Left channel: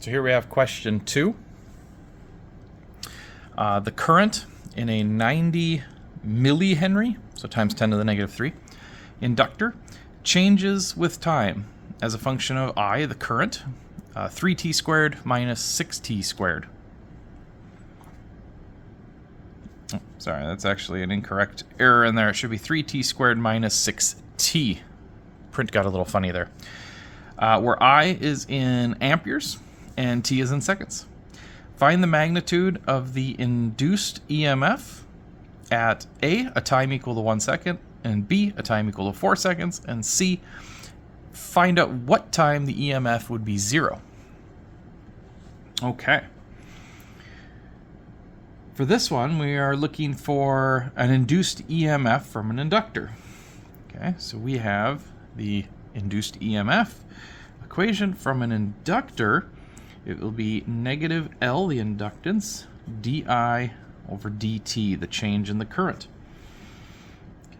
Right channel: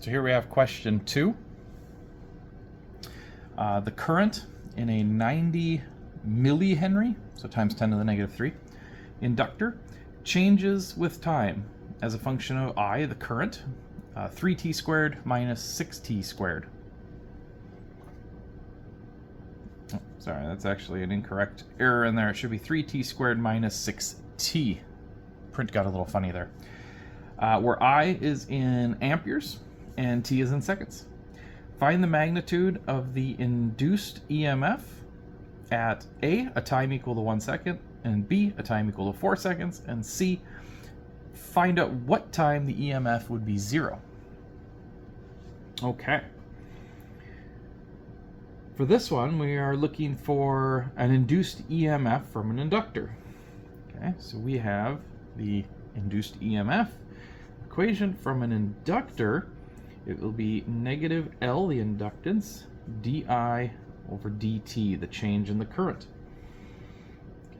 So here we have question 2. The current in a 90 millihenry, so times 10 to the negative 3, inductor changes with time as a function of I, the current, 3t squared minus 6t squared. Oh, sorry, that's actually an incorrect error in there. It should be 3t squared minus 6t. Print got a little funny there. Where I is in amperes and t is in seconds. Find the magnitude of the induced EMF at A, a time equal to 1 second, and B, a time equal to 4 seconds, and C, find out what time the EMF would be 0. Okay. For this one, we are looking for an induced EMF from an inductor. Okay, so we have the induced EMF equation from an inductor. It will be negative L, the inductance, di over dt, the change in the current.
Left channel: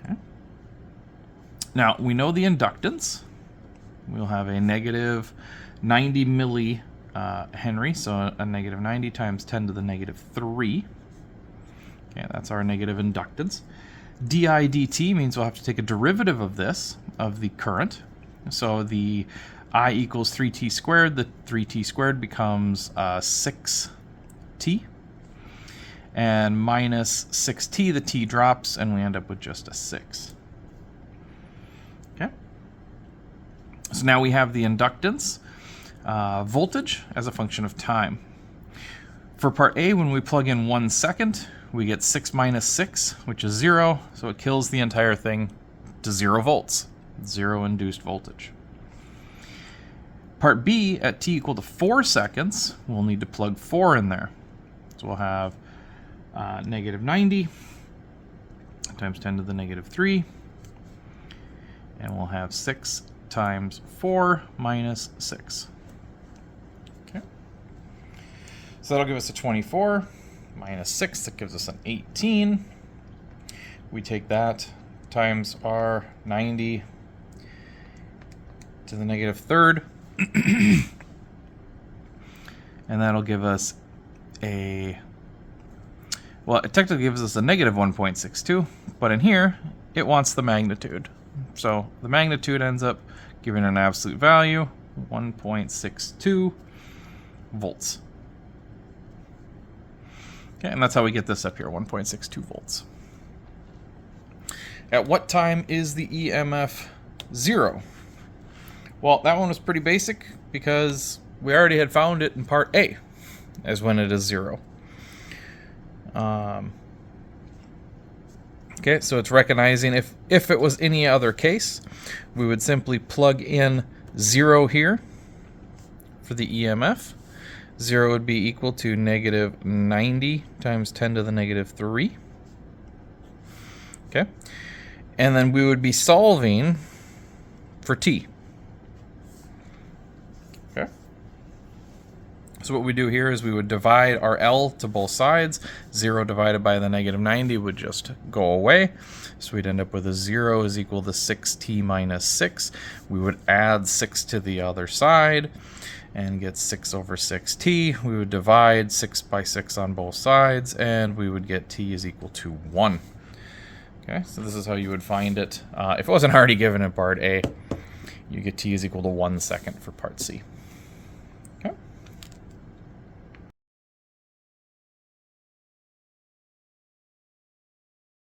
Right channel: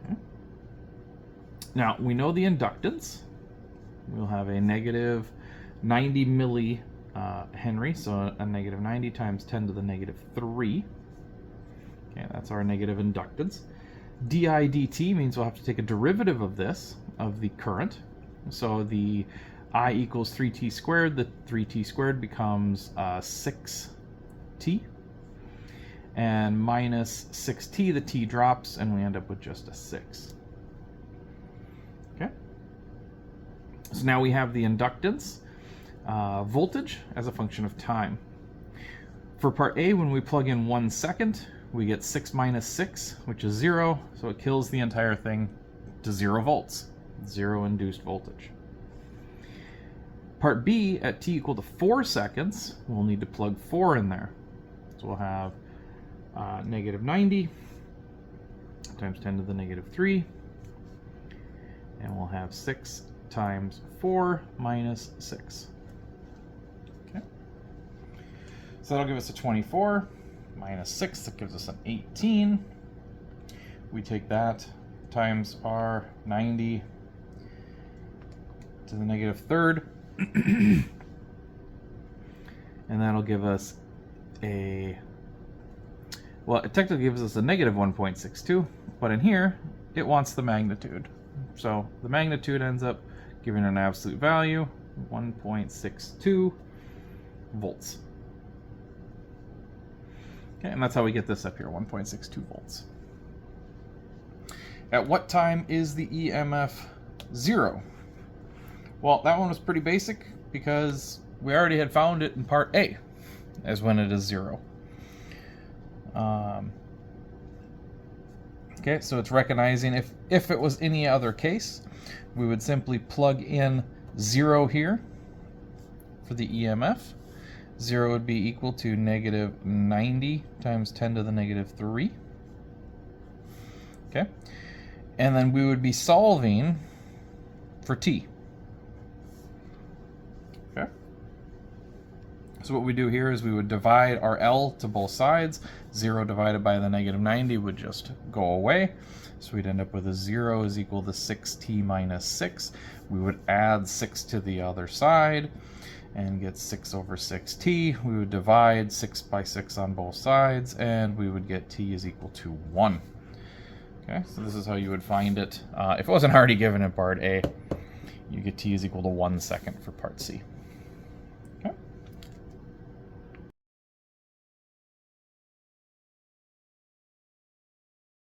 Okay. Now, we know the inductance. We'll have a negative 90 millihenry, so a negative 90 times 10 to the negative 3. Okay, that's our negative inductance. Di dt means we'll have to take a derivative of this, of the current. So the I equals 3t squared. The 3t squared becomes 6t. And minus 6t, the t drops, and we end up with just a 6. Okay. So now we have the inductance voltage as a function of time. For part A, when we plug in 1 second, we get 6 minus 6, which is 0, so it kills the entire thing to 0 volts, 0 induced voltage. Part B, at t equal to 4 seconds, we'll need to plug 4 in there. So we'll have negative 90 times 10 to the negative 3, and we'll have 6 times 4 minus 6. Okay. So that'll give us a 24. Minus 6, that gives us an 18. We take that times our 90 to the negative third. And that'll give us a, well, it technically gives us a negative 1.62, but in here, it wants the magnitude. So the magnitude ends up giving an absolute value, 1.62 volts. Okay, and that's how we get this up here, 1.62 volts. At what time is the EMF 0? Well, that one was pretty basic because we already had found it in part A as when it is 0. Okay, so it's recognizing if it was any other case, we would simply plug in 0 here for the EMF. 0 would be equal to negative 90 times 10 to the negative 3. Okay. And then we would be solving for t. Okay. So what we do here is we would divide our L to both sides. 0 divided by the negative 90 would just go away. So we'd end up with a 0 is equal to 6t minus 6. We would add 6 to the other side and get 6 over 6t. We would divide 6 by 6 on both sides, and we would get t is equal to 1. Okay, so this is how you would find it. If it wasn't already given in part A, you get t is equal to 1 second for part C.